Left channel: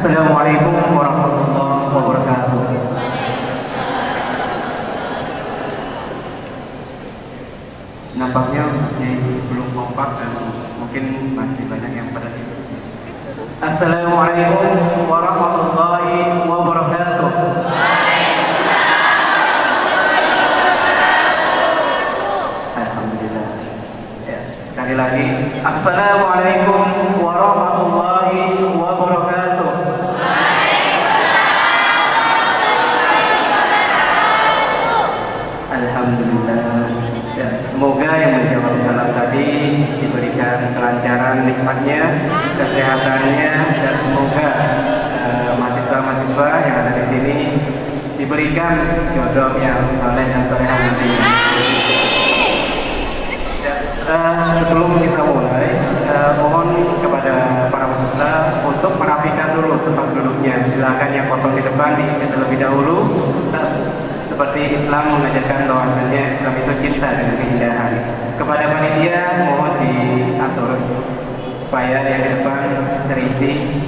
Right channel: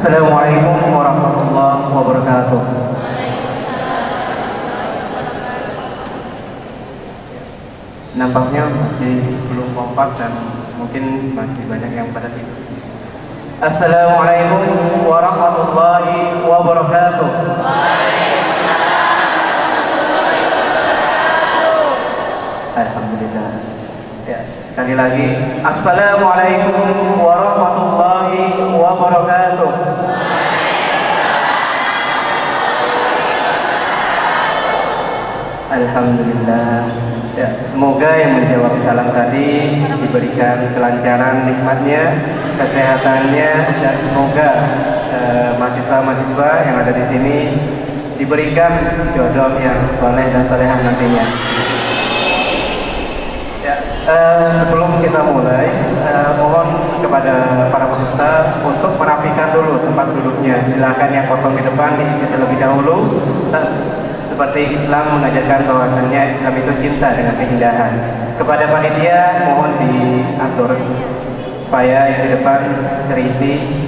Assalamualaikum warahmatullahi wabarakatuh. Nampaknya masih belum kompak dan mungkin masih banyak yang pada tidur. Assalamualaikum warahmatullahi wabarakatuh. Alhamdulillah. Ya, sekali lagi, Assalamualaikum warahmatullahi wabarakatuh. Alhamdulillah. Ya, semoga yang menjawab salam tadi diberikan kelancaran nikmatnya, kesehatannya, dan semoga mahasiswa-mahasiswa yang ada di sini diberikan jodoh yang soleh dan soleha nantinya. Sebelum kita mulai, mohon kepada para peserta untuk merapikan dulu tempat duduknya. Silakan yang kosong di depan diisi terlebih dahulu. Seperti Islam mengajarkan bahwasanya Islam itu cinta dengan keindahan. Kepada panitia mohon diatur supaya yang di depan terisi.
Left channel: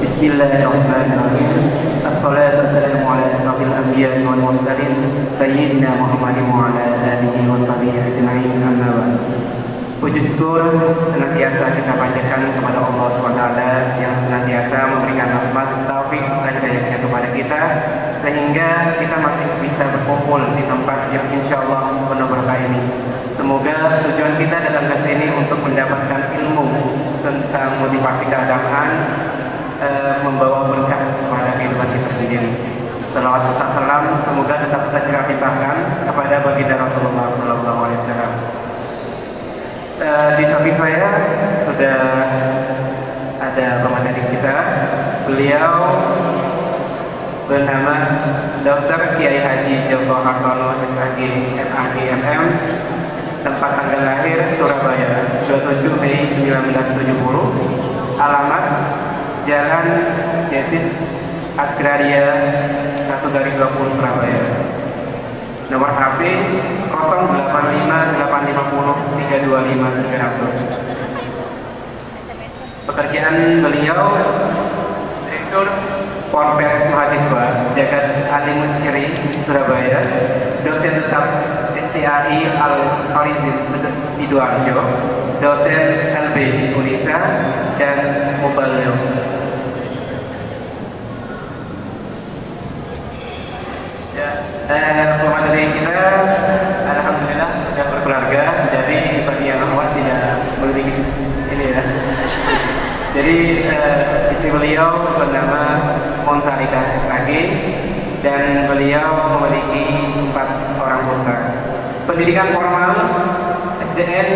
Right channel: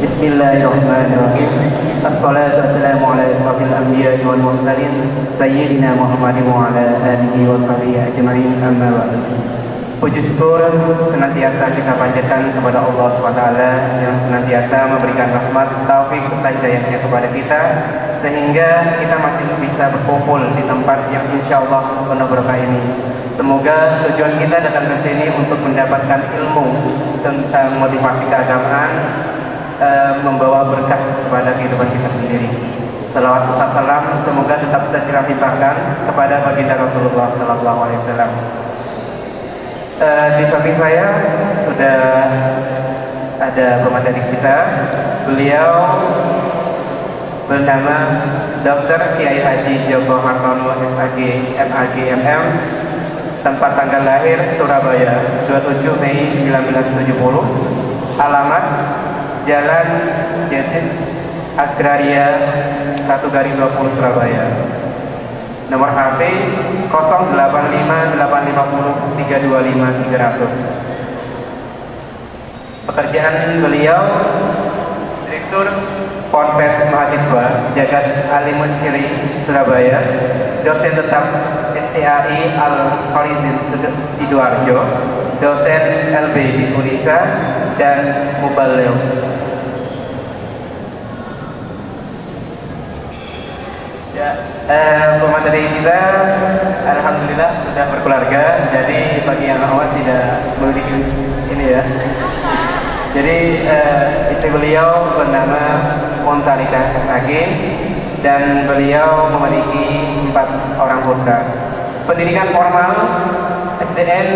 Bismillahirrahmanirrahim. Assalatu wassalamu ala asyrafil anbiya'i wal mursalin sayyidina Muhammadin wa ala alihi wa sahbihi ajma'in. Amma ba'd. Puji syukur senantiasa kita panjatkan kepada Allah SWT yang senantiasa memberikan rahmat, taufik serta hidayahnya kepada kita sehingga kita masih bisa berkumpul di tempat yang insyaallah penuh berkah ini. Semoga tujuan kita datang ke sini untuk mendapatkan ilmu tentang motivasi keagamaan, membawa berkah kepada kehidupan kita sendiri. Salawat serta salam semoga tetap tercurahkan kepada baginda Rasulullah SAW. Di samping saya sudah ada pemateri kita. Beliau bernama Dr. Kiai Haji Joko Hartono SAG MAG MM. Tempat tanggal lahir Surabaya 27 Mei 1970. Alamat Jalan Jetis Agraria 1/20 Surabaya. Nomor HP 085850325300. Pekerjaan beliau Direktur Ponpes Mahasiswa Jagat Alim Syiri Surabaya, dosen tetap STAI Al-Farizin Sidoarjo, dosen LB Unisa, dan Muballigh. Pemateri kita alhamdulillah sudah berkeluarga, jadi bagi yang awal tidak memiliki sini ya. Jadi istri beliau bernama Montalita SAG dan beliau memiliki 4 orang putra. Pendidikan formal SDN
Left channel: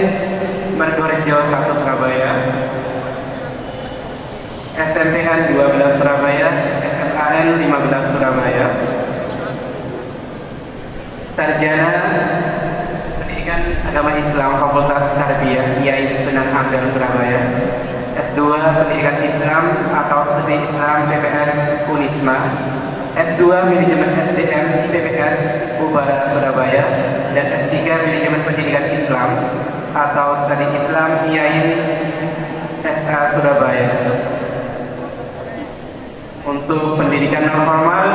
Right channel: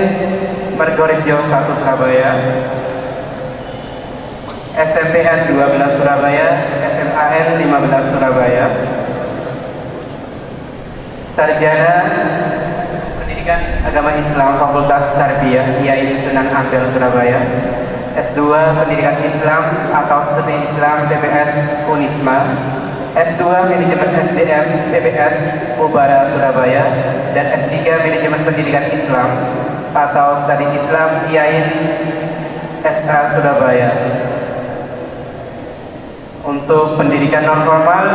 Margorejo 1 Surabaya, SMPN 12 Surabaya, SMAN 15 Surabaya. Sarjana Pendidikan Agama Islam Fakultas Tarbiyah Kiai Sunan Ampel Surabaya. S2 Pendidikan Islam atau Studi Islam PPS Unisma. S2 Manajemen SDM PPS Ubara Surabaya, dan S3 Manajemen Pendidikan Islam atau Studi Islam IAIN SA Surabaya. Untuk pendidikan non formal,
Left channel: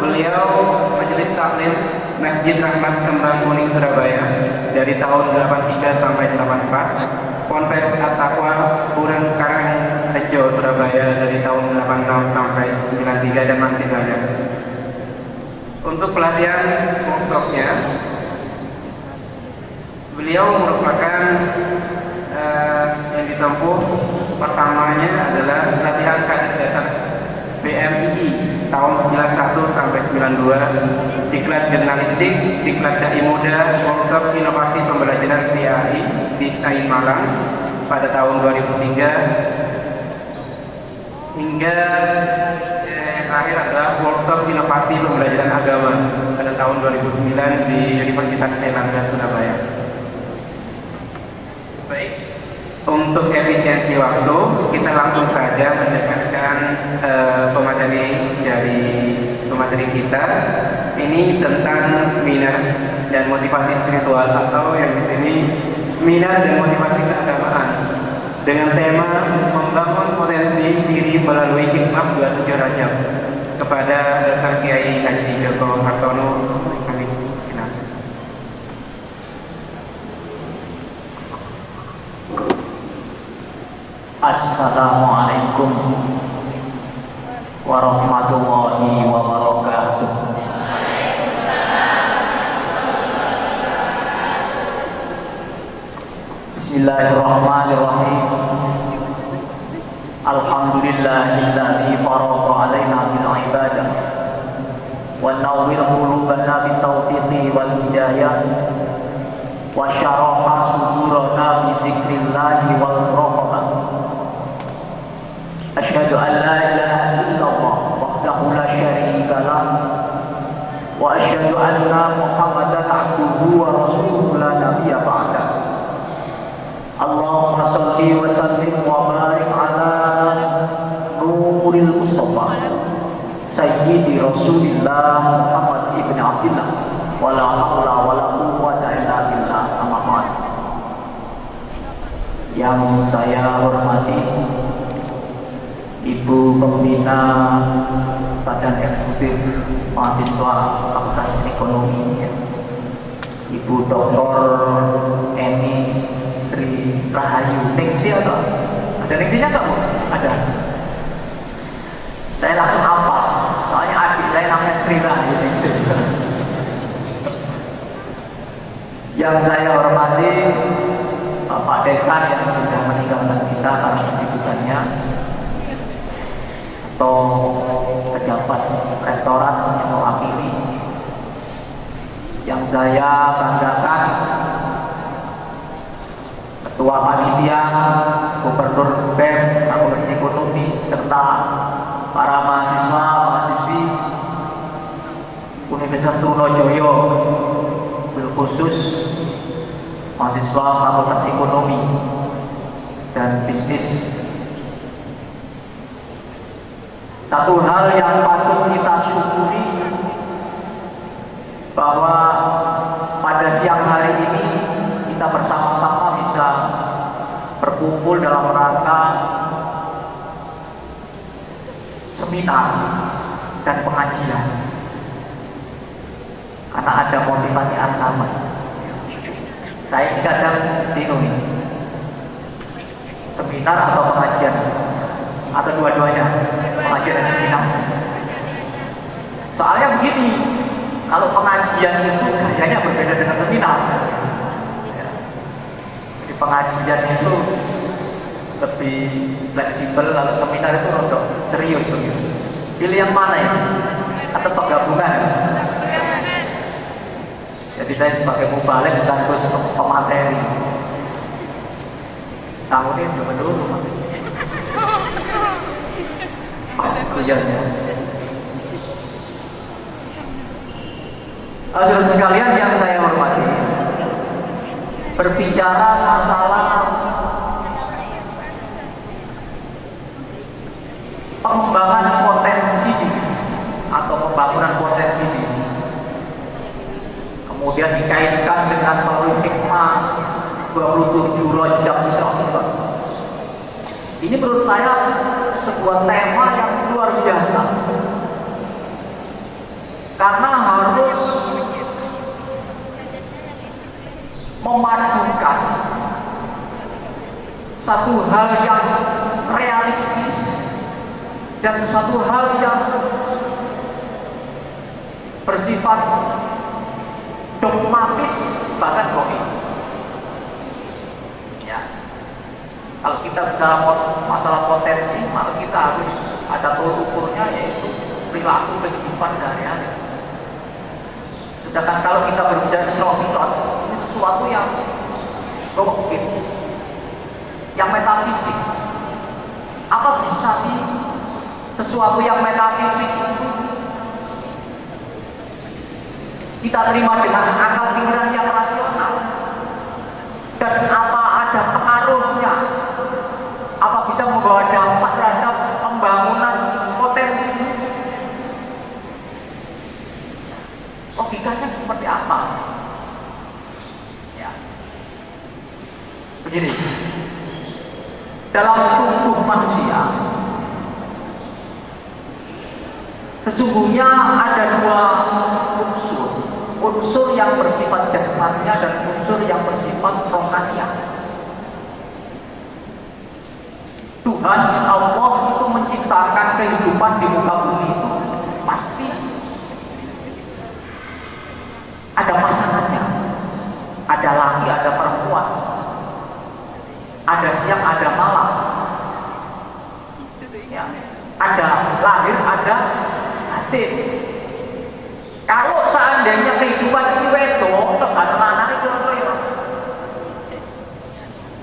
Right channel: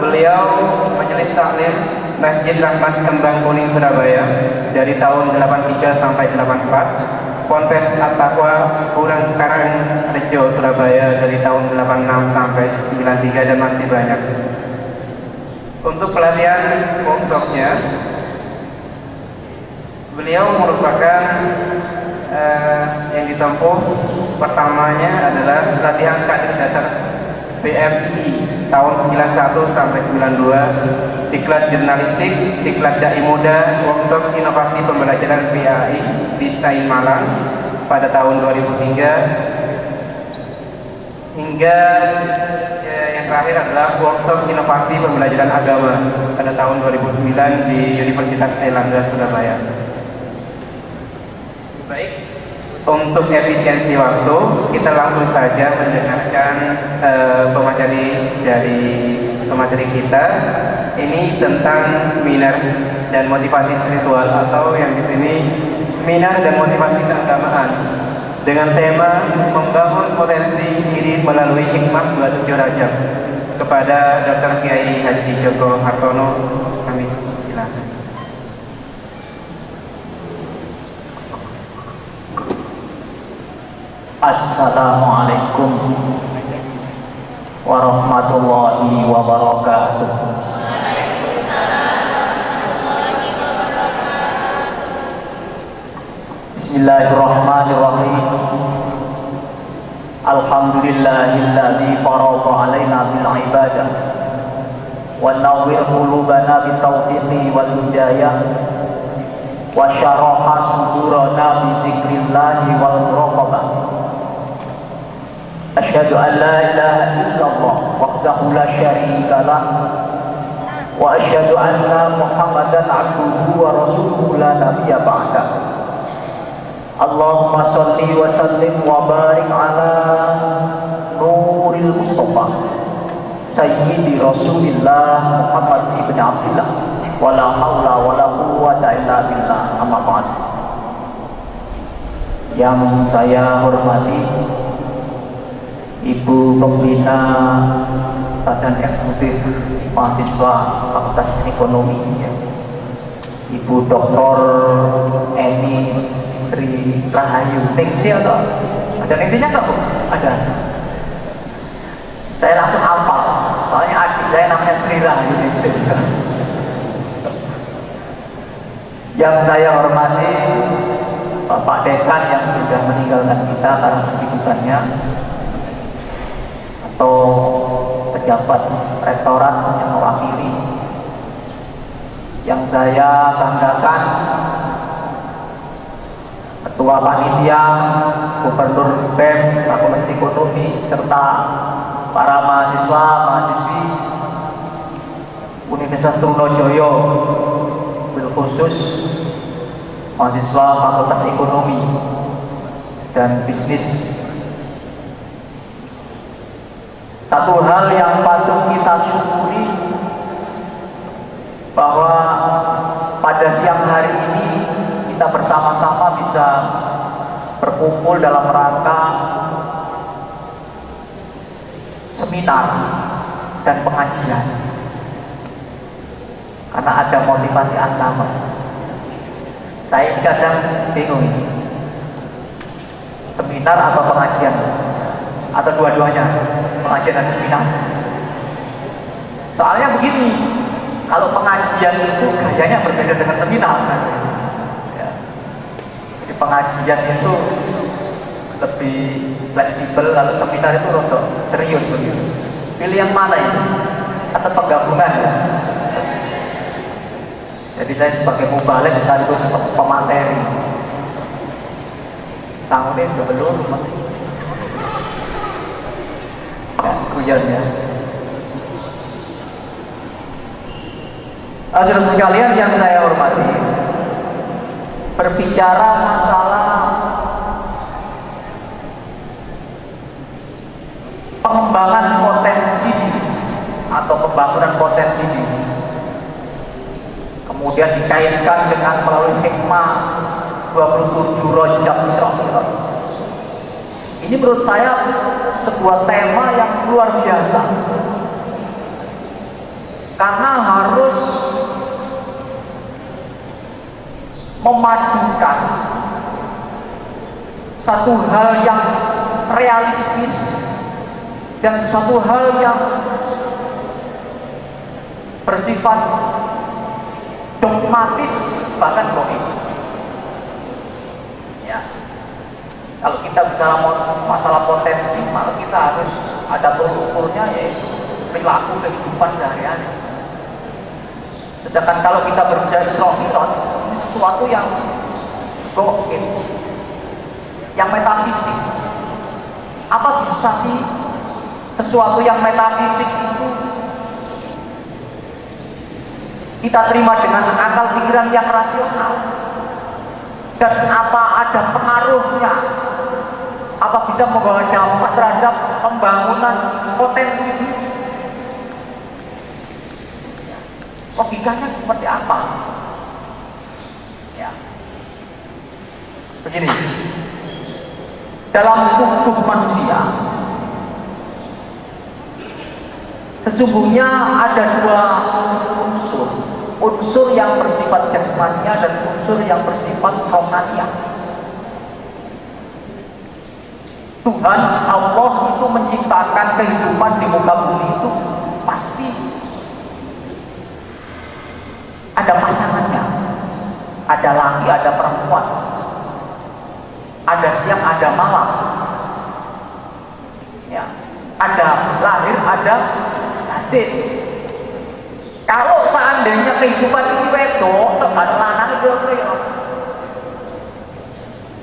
beliau Majelis Taklim Masjid Rahmat Kembang Kuning Surabaya dari tahun 83 sampai 84. Ponpes At-Taqwa Kurang Karangrejo Surabaya dari tahun 86 sampai 93, dan masih banyak. Untuk pelatihan workshopnya, beliau merupakan yang ditempuh pertamanya adalah pelatihan kader dasar BMI tahun 91 sampai 92, diklat jurnalistik, diklat dai muda, workshop inovasi pembelajaran PAI di Senayan Malang pada tahun 2003, hingga yang terakhir adalah workshop inovasi pembelajaran agama pada tahun 2009 di Universitas Airlangga Surabaya. Untuk efisiensi waktu, kita langsung saja mendengarkan pemateri dari pemateri kita. Ini tentang seminar dan motivasi spiritual, atau yang di sini seminar dan motivasi keagamaan, dengan tema membangun potensi diri melalui hikmah bulan suci Rajab, kepada Dr. Kiai Haji Joko Hartono. Kami silakan. Assalamualaikum warahmatullahi wabarakatuh. Bismillahirrahmanirrahim. Alhamdulillahilladzi farada alaina bil ibadah wa nawwir qulubana bit taufiqi wal hidayah wa syaraha sudurana bi dzikrillahi wal muraqabah. Asyhadu an la ilaha illallah wahdahu la syarika lah wa asyhadu anna Muhammadan abduhu wa rasuluhu la nabiyya ba'da. Allahumma shalli wa sallim wa barik ala nuril mustafa sayyidi rasulillah Muhammad ibn Abdillah wa la hawla wa la quwwata illa billah, amma ba'd. Yang saya hormati Ibu Pembina Badan Eksekutif Mahasiswa Fakultas Ekonomi, Ibu Dr. Eni Sri Rahayu. Ningsi atau ada ningsinya nggak Bu? Ada. Saya langsung hafal, soalnya adik saya namanya Sri Rahayu. Yang saya hormati Bapak Dekan yang sudah meninggalkan kita karena kesibukannya, atau pejabat rektorat yang mewakili. Yang saya banggakan Ketua Panitia, Gubernur BEM, Fakultas Ekonomi, serta para mahasiswa, mahasiswi Universitas Trunojoyo, khusus mahasiswa Fakultas Ekonomi dan Bisnis. Satu hal yang patut kita syukuri bahwa pada siang hari ini kita bersama-sama bisa berkumpul dalam rangka seminar dan pengajian, karena ada motivasi agama. Saya kadang bingung, seminar atau pengajian, atau dua-duanya, pengajian dan seminar. Soalnya begini, kalau pengajian itu kerjanya berbeda dengan seminar. Jadi pengajian itu lebih fleksibel, kalau seminar itu untuk serius. Pilih yang mana ya? Atau penggabungan? Jadi saya sebagai mubalik sekaligus pemateri. Tahun ini belum. Kuliahnya. Saudara sekalian yang saya hormati, berbicara masalah pengembangan potensi atau pembangunan potensi diri, kemudian dikaitkan dengan melalui hikmah 27 Rajab misalnya. Ini menurut saya sebuah tema yang luar biasa, karena harus memadukan satu hal yang realistis dan sesuatu hal yang bersifat dogmatis, bahkan logik. Ya, kalau kita bicara masalah potensi, maka kita harus ada tolak ukurnya, yaitu perilaku kehidupan sehari-hari. Sedangkan kalau kita berbicara Islam, ini sesuatu yang gokil, yang metafisik. Apa bisa sih sesuatu yang metafisik itu kita terima dengan akal pikiran yang rasional? Dan apa ada pengaruhnya bisa membawa dampak terhadap pembangunan potensi bumi. Logikanya seperti apa? Ya. Begini, dalam tubuh manusia sesungguhnya ada dua unsur yang bersifat jasmania dan unsur yang bersifat rohania. Tuhan Allah itu menciptakan kehidupan di muka bumi itu pasti ada pasangannya, ada laki, ada perempuan, ada siang, ada malam, ya, ada lahir, ada batin. Kalau seandainya kehidupan ini wedok, terus ada lanang itu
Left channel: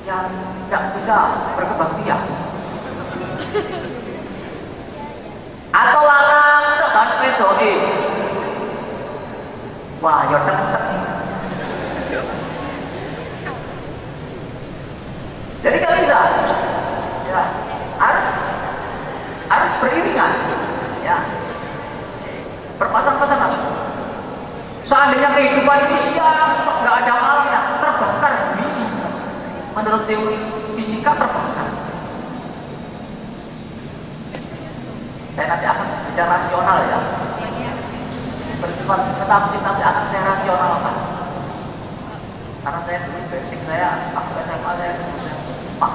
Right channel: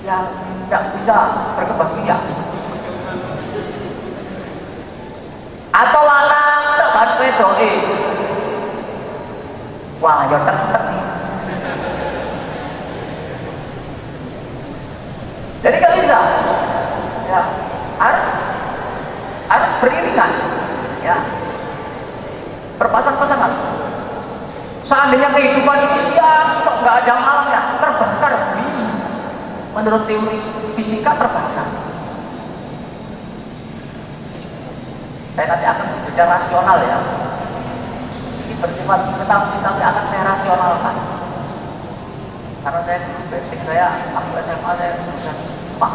yang tidak bisa berkembang biak. Atau lanang terus ada wedok, wah, ya cepet. Jadi kalau bisa, ya harus beriringan, ya, berpasang-pasangan. Seandainya kehidupan itu siang, kok nggak ada malamnya, terbakar bumi. Menurut teori fisika terbakar. Saya nanti akan bicara rasional ya. Bersifat tetapi akan saya rasionalkan. Karena saya dulu basic saya waktu SMA saya Pak.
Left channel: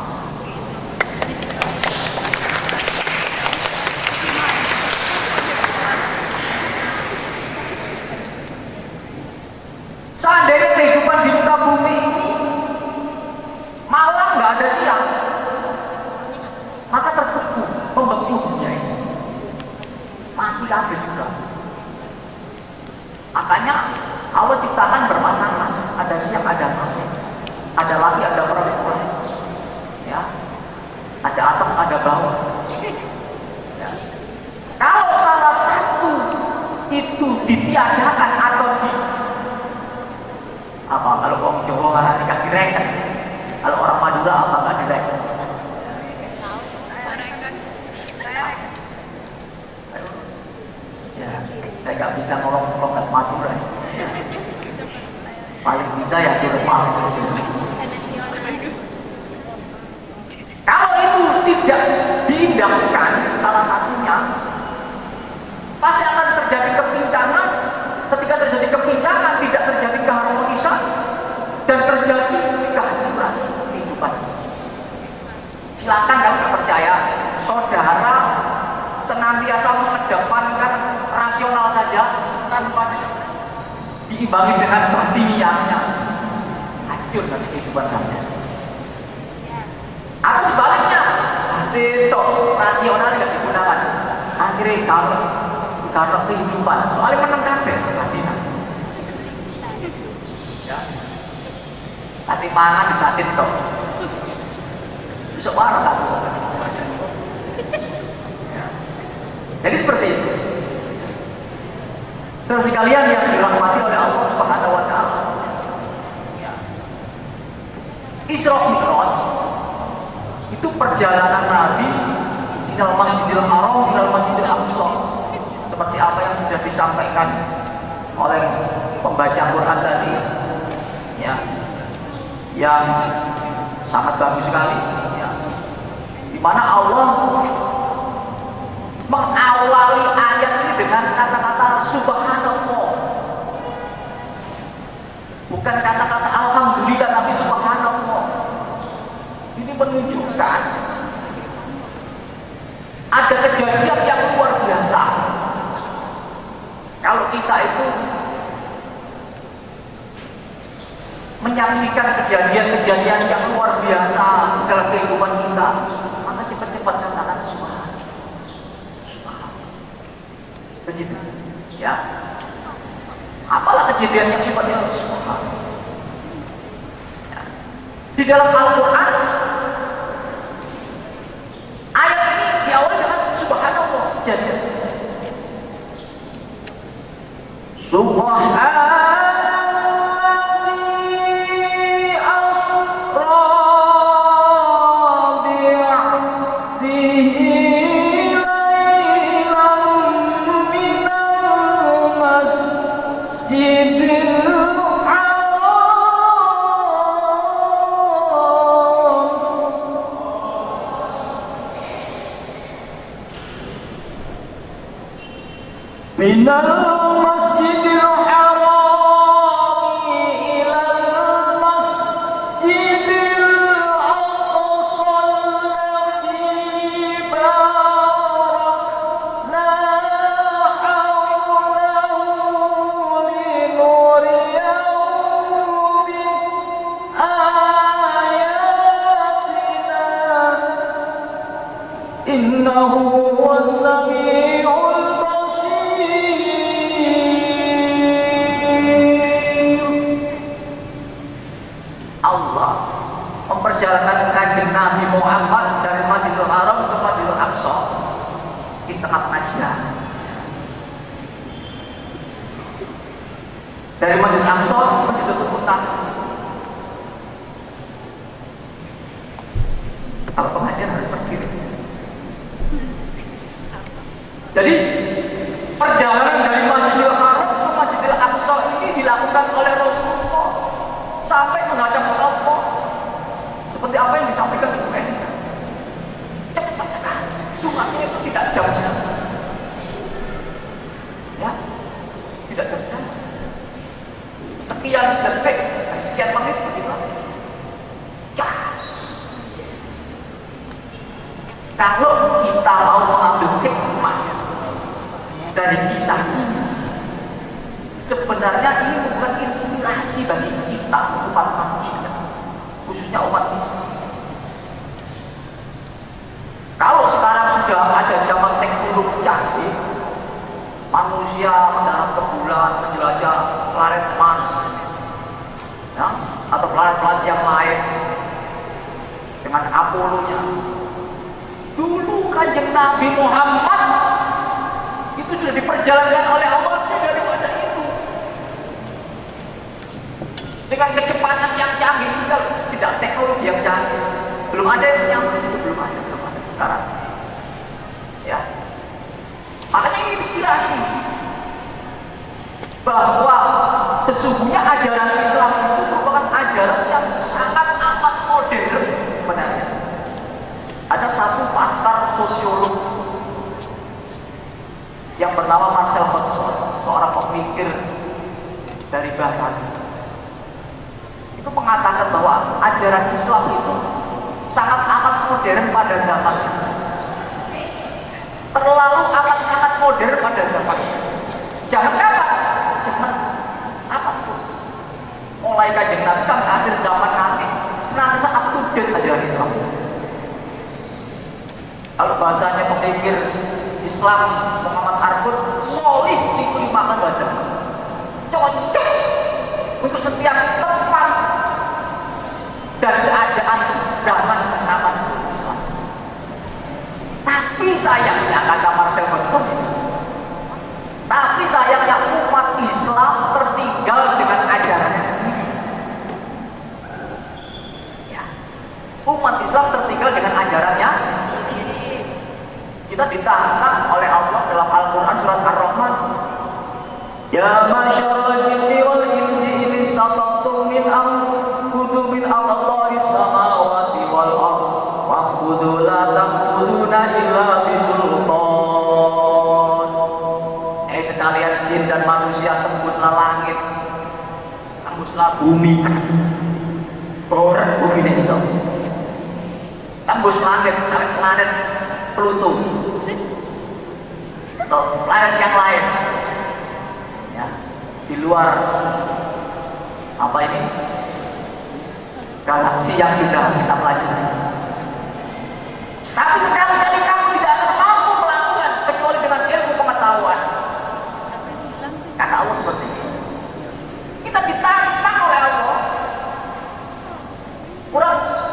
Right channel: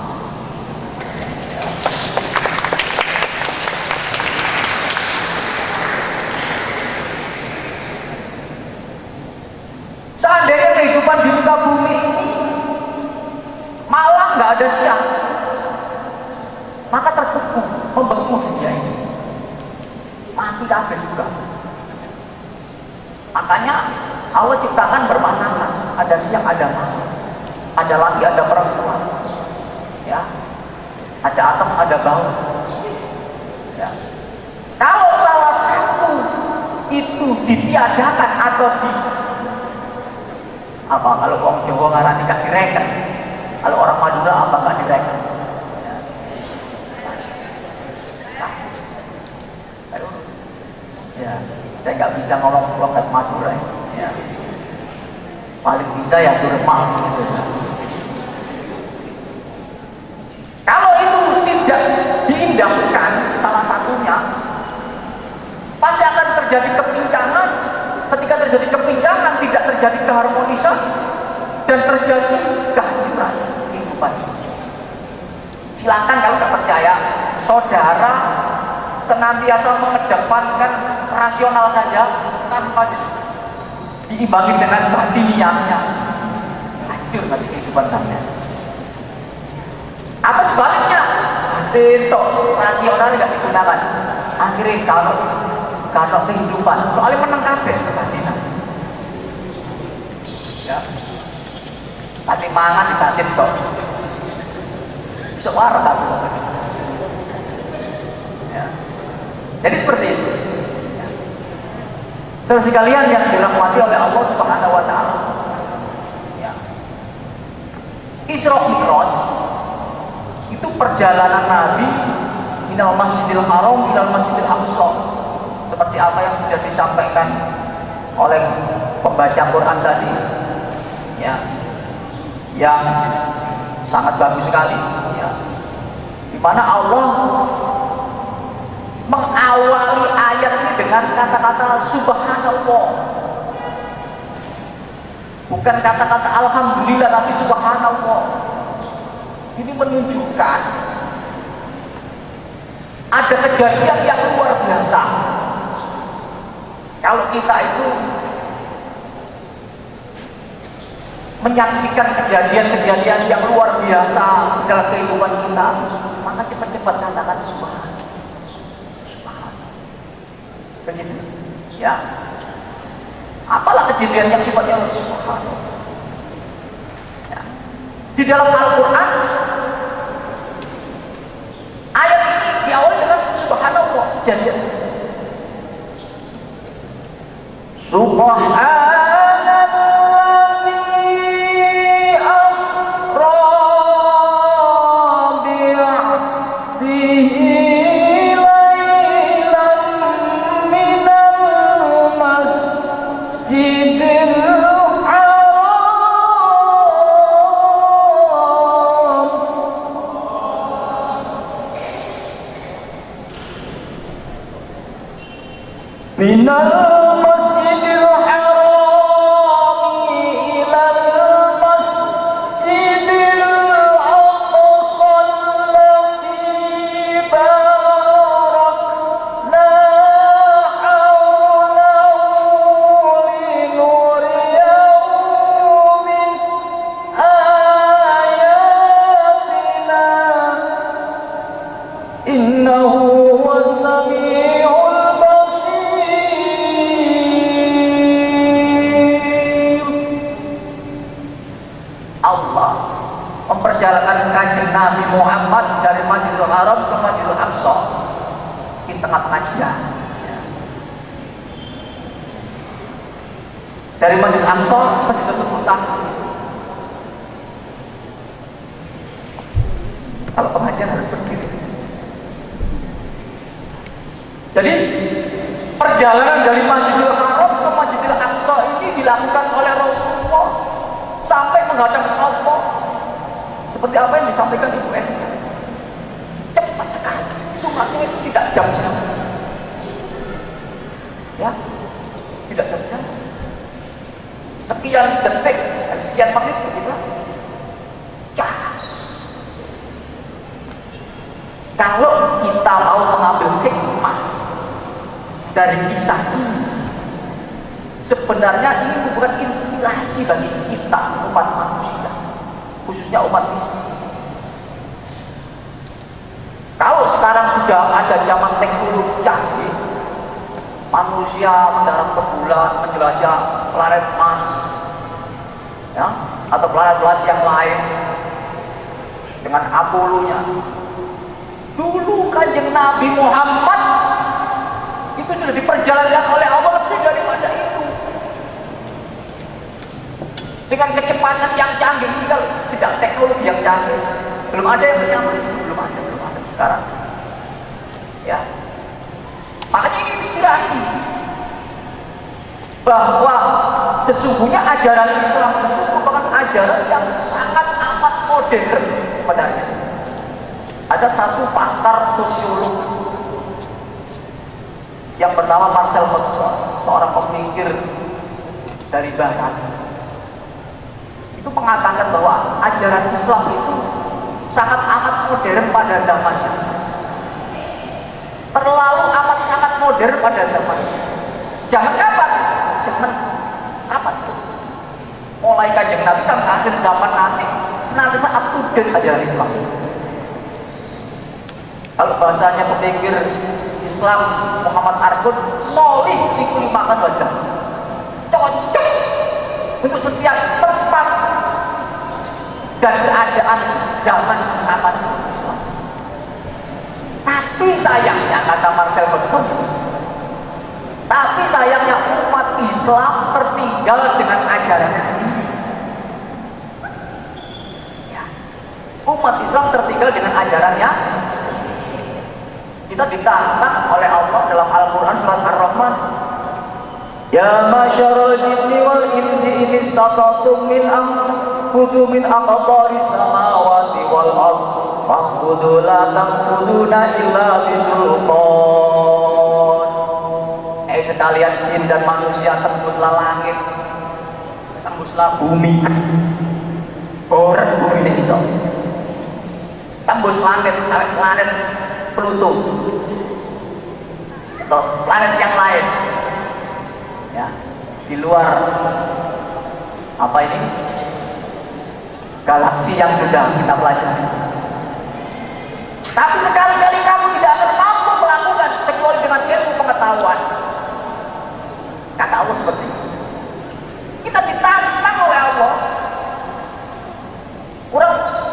Seandainya kehidupan di muka bumi ini malam nggak ada siang, maka terbeku, membeku dunia ini, mati kabeh juga. Makanya Allah ciptakan berpasangan, ada siang, ada malam, ada laki, ada perempuan, ya, ada atas, ada bawah. Ya. Kalau salah satu itu ditiadakan atau kalau orang Jawa ngarani gak direken, kalau orang Madura apa gak direken? Ya, saya nggak bisa ngomong logat Madura. Ya. Paling bisa ya Jerman. Kalau itu tidak diindahkan salah satunya, pasti akan terjadi kepincangan. Ketika terjadi kepincangan, tidak terjadi keharmonisan dan terjadi kehancuran kehidupan. Silakan kalau tidak percaya, saudara senantiasa mengedepankan rasional saja tanpa diimbangi dengan batiniahnya, hancur nanti kehidupan Anda. Atau sebaliknya, itu rasional tidak digunakan, akhirnya kalau kehidupan soalnya menang kabeh kebatinan. Ya, tapi mangan di batin kok bisa warna kan? Jadi seperti itu. Terus sekalian yang dirahmati oleh Allah Subhanahu wa taala. Isra Mi'raj itu perjalanan Nabi minal Masjidil Haram minal Masjidil Aqsa. Seperti apa yang sudah disampaikan oleh pembaca Quran tadi. Ya. Yang sangat bagus sekali, ya. Di mana Allah mengawali ayat ini dengan kata-kata subhanallah, bukan kata-kata alhamdulillah tapi subhanallah. Ini menunjukkan ada kejadian yang luar biasa. Kalau kita itu menyaksikan kejadian-kejadian yang luar biasa dalam kehidupan kita, maka cepat-cepat katakan subhanallah. Begitu, ya. Apalah kejadian yang sifatnya subhanallah. Ya. Di dalam Al-Quran, ayat ini diawali dengan subhanallah. Jadi, subhanallah. minal masjidil haram ilal masjidil aqsa alladzi barakna hawlahu linuriyahu min ayatina innahu huwas samiul Allah memperjalankan kanjeng Nabi Muhammad dari Masjidil Haram ke Masjidil Aqsa di setengah-tengah jam. Dari Masjidil Aqsa ke Masjidil Mutah. Kalau pengajian harus berdiri. Jadi perjalanan dari Masjidil Haram ke Masjidil Aqsa ini dilakukan oleh Rasulullah sampai menghadap Allah seperti apa yang disampaikan di Quran. Cepat sekali, sunatnya tidak jam-jam, ya, tidak jam-jam. Sekian detik, sekian menit begitu. Kalau kita mau mengambil hikmah dari kisah ini, sebenarnya ini bukan inspirasi bagi kita umat manusia, khususnya umat Islam. Kalau sekarang sudah ada zaman teknologi canggih, manusia mendarat ke bulan, menjelajah planet Mars, ya, atau planet-planet yang lain dengan Apollo-nya. Dulu kanjeng Nabi Muhammad itu sudah diperjalankan oleh Allah dari masa itu dengan kecepatan yang canggih, tidak teknologi yang canggih, belum ada yang menyambut, belum ada sekarang, ya. Makanya ini inspirasi bahwa sesungguhnya ajaran Islam itu merupakan ajaran yang sangat amat modern sebenarnya. Ada satu pakar sosiolog yang bernama Marcel Mauss, seorang pemikir dari Barat, itu mengatakan bahwa ajaran Islam itu sangat amat modern pada zamannya, terlalu amat sangat modern pada zamannya. Jangan kapan? Jangan kapan? Mulai kanjeng Nabi sampai akhir zaman nanti senantiasa up to date ajaran Islam. Kalau bahasanya pemikir Islam Muhammad Arbun, solih itu dimakan wajah, cocok untuk setiap tempat dan keadaan zaman aman Islam. Tapi sayangnya, kata Marcel Mauss, tapi sayangnya umat Islam tertinggal dengan ajarannya sendiri. Ya. Umat Islam tertinggal dengan ajarannya. Kita ditantang oleh Allah dalam Al-Quran surat Ar-Rahman, ya masyarul jinni wal insi in istata'tum min anfudu min aqtaris samawati wal ard fa'budu la tanfuduna illa bisultan. Sekalian jin dan manusia, tembuslah langit, tembuslah bumi, orang bumi ini so, tembus langit, planet Pluto, atau planet yang lain, ya, di luar apa ini galaksi yang sudah kita pelajari. Tapi sekali-kali kamu tidak akan mampu melakukan kecuali dengan ilmu pengetahuan. Kata Allah seperti itu. Kita ditantang oleh Allah.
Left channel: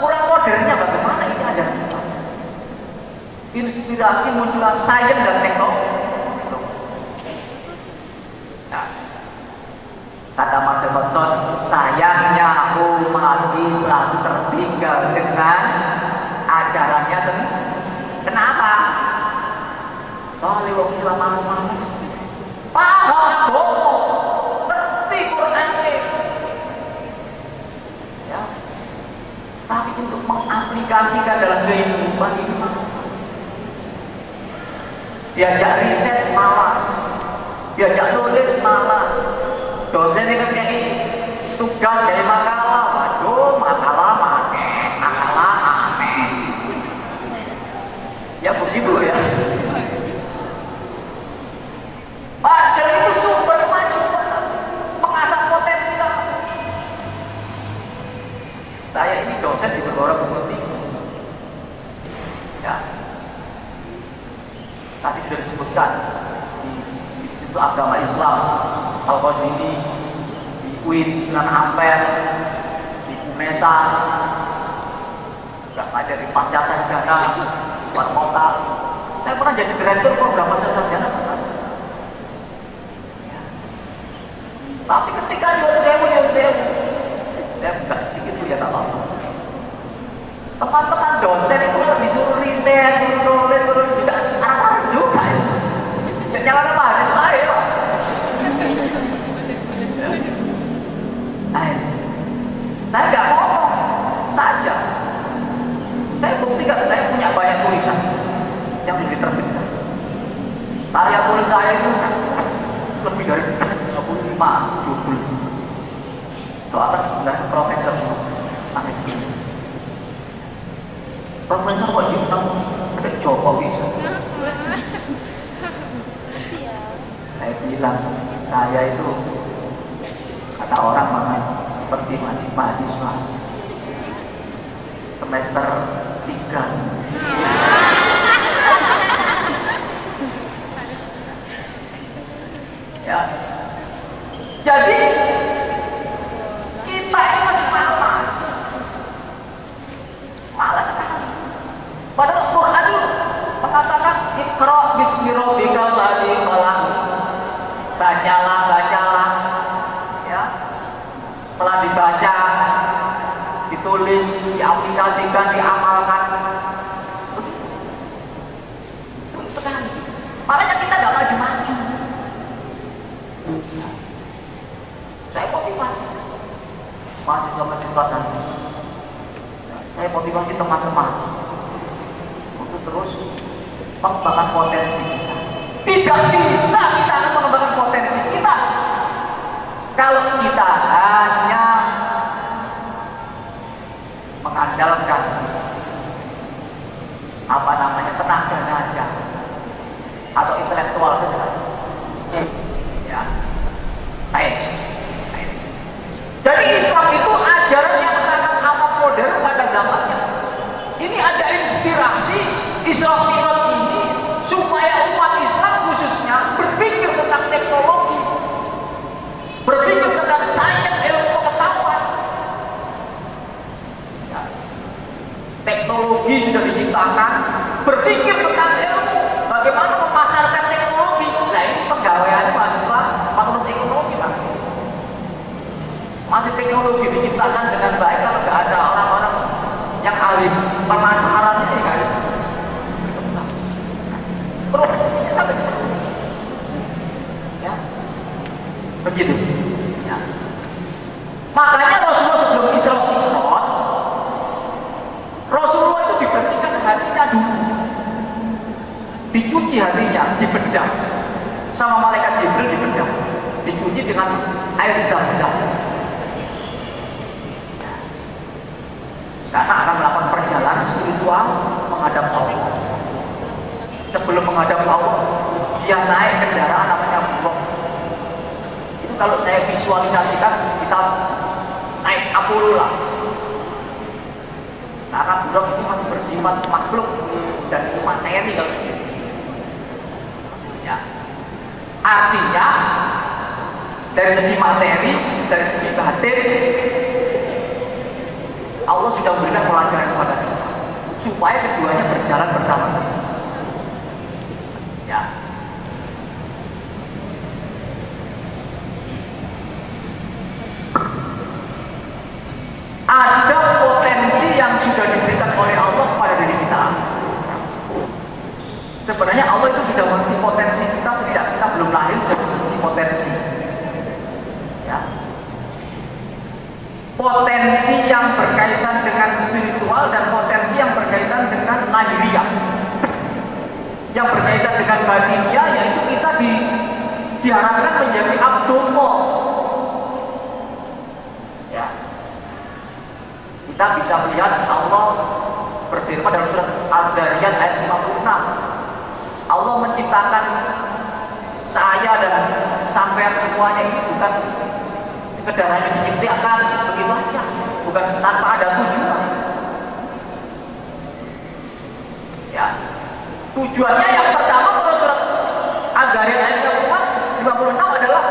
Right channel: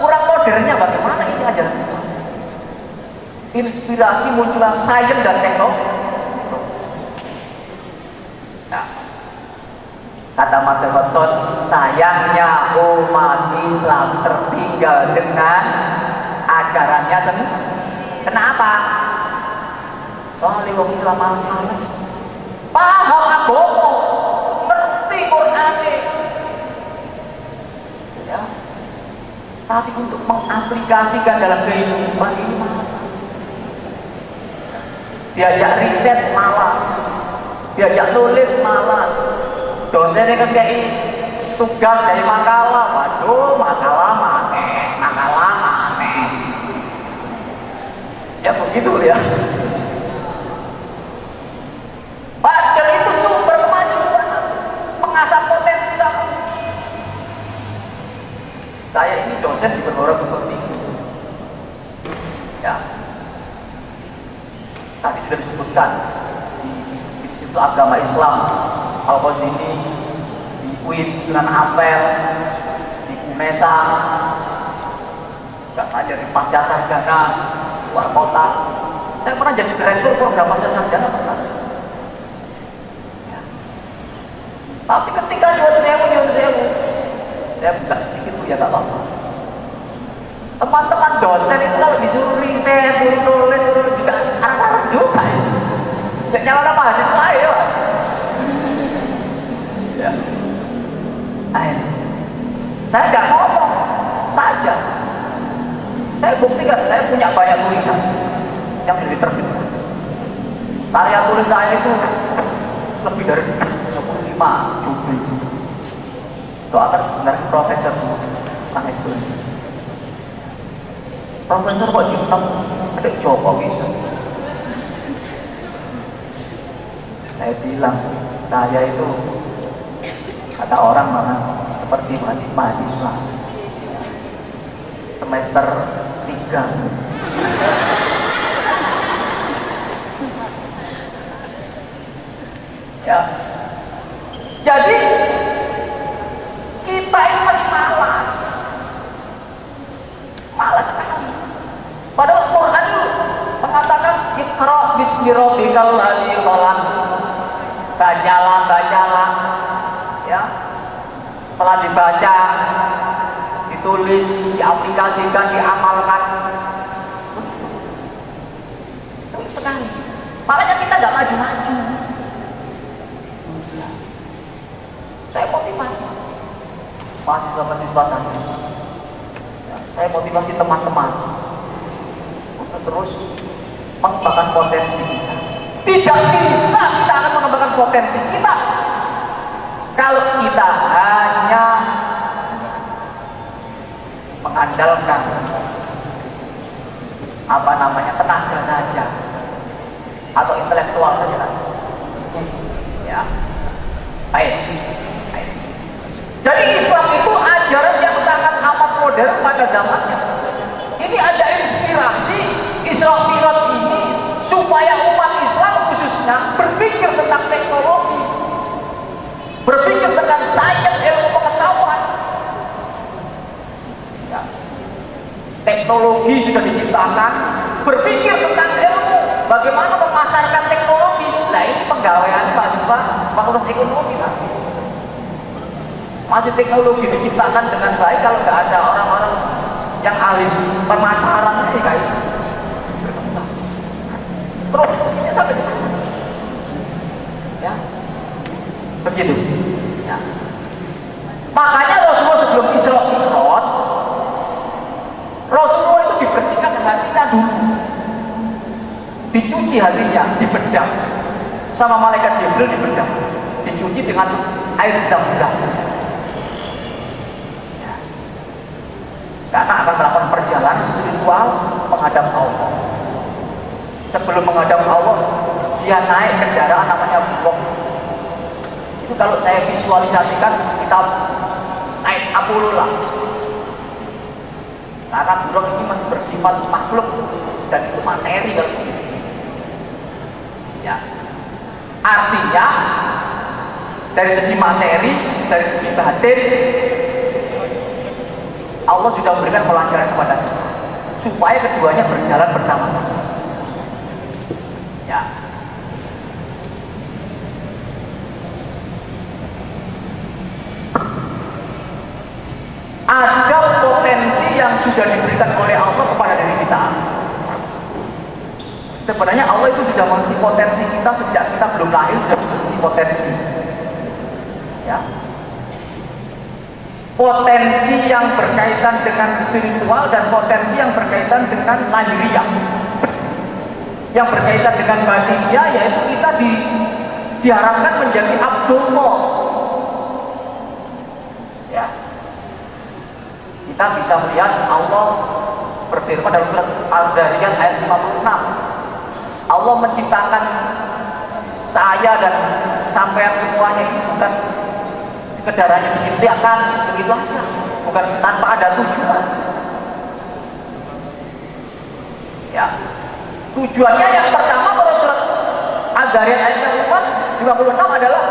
Kurang modernnya bagaimana ini ajaran Islam? Inspirasi muncullah sains dan teknologi. Nah, kata Marcel Mauss, sayangnya umat Islam tertinggal dengan ajarannya sendiri. Kenapa? Soalnya orang Islam malas-malas, paham agama, ngerti Quran, ya, tapi untuk mengaplikasikan dalam kehidupan ini malas. Diajak riset malas, diajak nulis malas. Dosennya kan kayak tugas dari makalah, waduh makalah aneh. Ya begitu ya. Padahal itu sumber kemajuan, mengasah potensi kamu. Saya ini dosen juga orang seperti itu. Ya. Tadi sudah disebutkan di situ agama Islam, Al-Ghazali, di UIN, Sunan Ampel, di UNESA, nggak ada di Pasca Sarjana, luar kota. Saya pernah jadi direktur program Pasca Sarjana pernah. Ya. Tapi ketika saya buka sedikit ya tak apa. Teman-teman dosen itu kalau disuruh riset, turun juga anak-anak juga. Ya jangan mahasiswa ya Pak. Ya. Saya nggak ngomong saja. Saya buktikan, saya punya banyak tulisan yang diterbitkan. Karya tulis saya itu lebih dari 25 judul. Soalnya sebenarnya profesor Profesor kok Jepang ada Jokowi. Saya bilang saya itu kata orang mana seperti mahasiswa semester 3. Ya, jadi kita itu masih malas sekali. Padahal Quran itu mengatakan Iqra bismi rabbikal ladzi khalaq. Bacalah, ya. Setelah dibaca, ditulis, diaplikasikan, diamalkan. Sekali. Makanya kita nggak maju-maju. Saya motivasi mahasiswa saya. Saya motivasi teman-teman untuk terus mengembangkan potensi kita. Tidak bisa kita akan mengembangkan potensi kita kalau kita hanya mengandalkan tenaga saja atau intelektual saja. Ya, baik. Jadi Islam itu ajaran yang sangat amat modern pada zamannya. Ini ada inspirasi Islam Mi'raj ini supaya umat Islam khususnya berpikir tentang teknologi, berpikir tentang sains, ilmu pengetahuan. Ya. Teknologi sudah diciptakan, berpikir tentang ilmu, bagaimana memasarkan teknologi. Nah ini penggawaian mahasiswa fakultas ekonomi Pak. Masih teknologi diciptakan dengan baik kalau nggak ada orang-orang yang ahli pemasarannya kayak gitu. Terus ini sampai di sana. Ya, begitu. Ya. Makanya Rasulullah sebelum Isra Mi'raj, Rasulullah itu dibersihkan hatinya dulu, dicuci hatinya, dibedah sama malaikat Jibril, dibedah, dicuci dengan air zam-zam. Karena akan melakukan perjalanan spiritual menghadap Allah. Sebelum menghadap Allah, dia naik kendaraan namanya Buraq. Itu kalau saya visualisasikan, kita naik Apollo lah. Karena Buraq itu masih bersifat makhluk dan itu materi kan. Ya. Artinya dari segi materi, dari segi batin, Allah sudah memberikan pelajaran kepada kita supaya keduanya berjalan bersama-sama. Ya. Ada potensi yang sudah diberikan oleh Allah kepada diri kita. Sebenarnya Allah itu sudah mengisi potensi kita sejak kita belum lahir, sudah mengisi potensi. Ya. Potensi yang berkaitan dengan spiritual dan potensi yang berkaitan dengan lahiriah. Yang berkaitan dengan batiniah yaitu kita diharapkan menjadi Abdullah. Ya. Kita bisa melihat Allah berfirman dalam surat Al-Dariyat ayat 56. Allah menciptakan saya dan sampean semuanya ini bukan sekedar hanya diciptakan begitu aja, bukan tanpa ada tujuan. Ya. Tujuannya yang pertama menurut surat Al-Dariyat ayat 56 adalah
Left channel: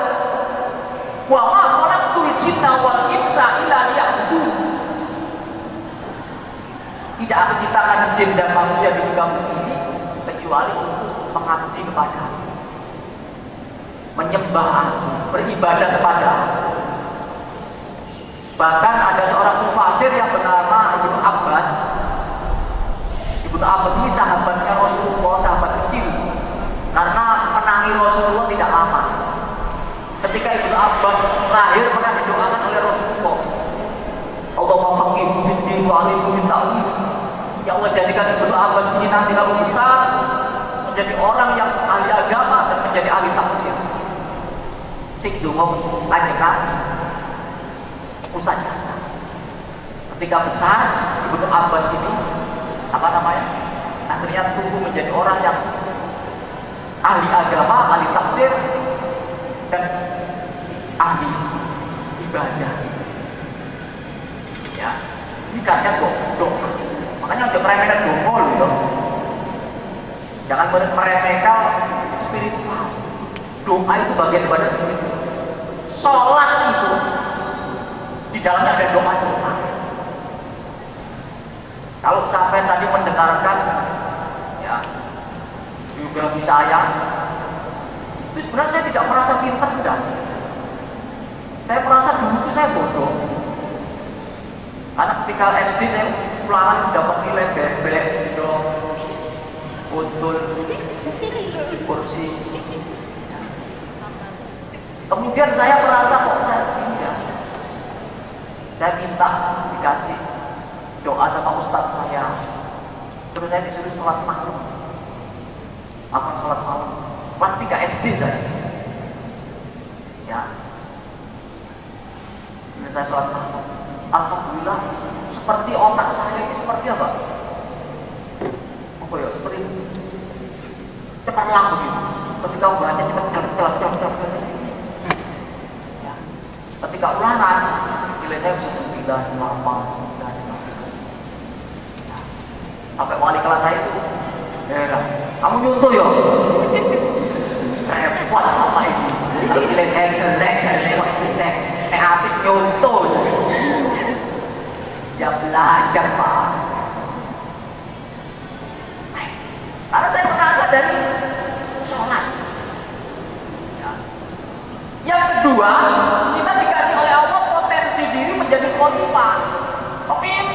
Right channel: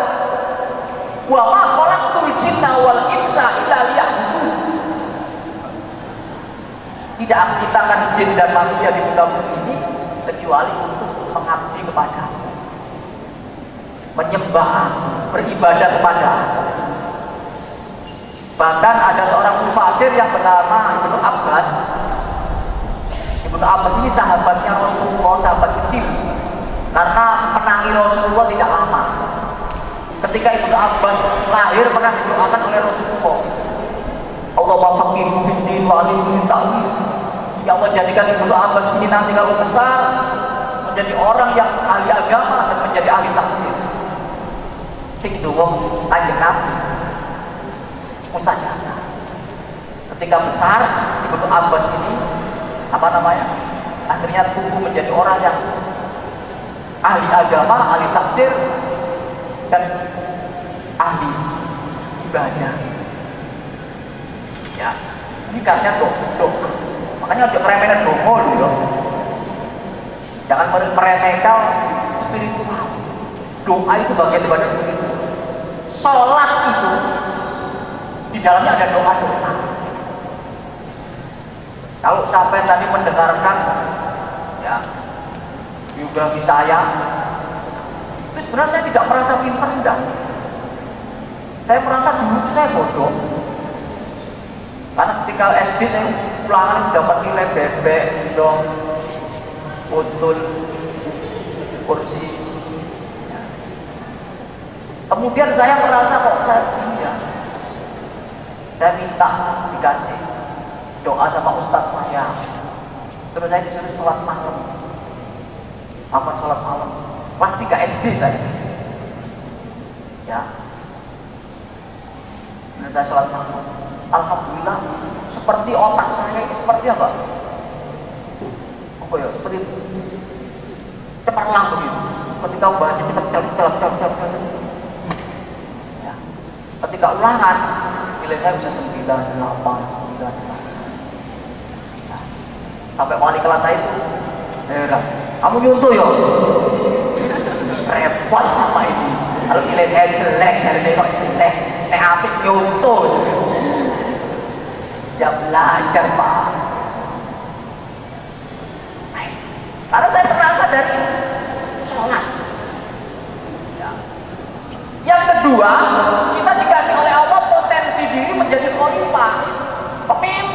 wa ma khalaqtul jinna wal insa illa liya'budun. Tidak diciptakan jin dan manusia di muka bumi ini kecuali untuk mengabdi kepada, menyembah, beribadah kepada. Bahkan ada seorang mufasir yang bernama Ibnu Abbas. Ibnu Abbas ini sahabatnya Rasulullah, sahabat kecil. Karena menangi Rasulullah tidak lama. Ketika Ibnu Abbas lahir pernah didoakan oleh Rasulullah. Allahumma faqihu fid-din wa 'allimhu at-ta'wil. Ya Allah, jadikan Ibnu Abbas ini nanti kalau besar menjadi orang yang ahli agama dan menjadi ahli tafsir. Tik dungo kanjeng Nabi. Mustajab. Ketika besar Ibnu Abbas ini akhirnya tumbuh menjadi orang yang ahli agama, ahli tafsir dan ahli ibadah. Ya, ini karena dokter. Makanya untuk meremehkan doa gitu. Jangan meremehkan spiritual. Doa itu bagian daripada spiritual. Sholat itu di dalamnya ada doa. Kalau sampai tadi mendengarkan ya biografi saya, itu sebenarnya saya tidak merasa pintar, tidak. Saya merasa dulu itu saya bodoh. Karena ketika SD saya ulangan dapat nilai bebek, dong, utul, kursi. Kemudian saya merasa kok saya tidak. Saya minta dikasih doa sama ustadz saya. Terus saya disuruh sholat malam. Apa sholat malam? Kelas 3 SD saya. Ya. Terus saya sholat malam. Alhamdulillah, seperti otak saya itu seperti apa? Oh ya, seperti cepat langsung gitu. Ketika baca cepat. Ya. Ketika ulangan, nilai saya bisa 9, 8, 9. Ya. Sampai wali kelas saya itu, kamu nyuntuh ya? Repot apa ini? Kalau nilai saya jelek, habis nyuntuh. Ya belajar Pak. Karena saya merasa dari sholat. Ya. Yang kedua, kita dikasih oleh Allah potensi diri menjadi khalifah, pemimpin.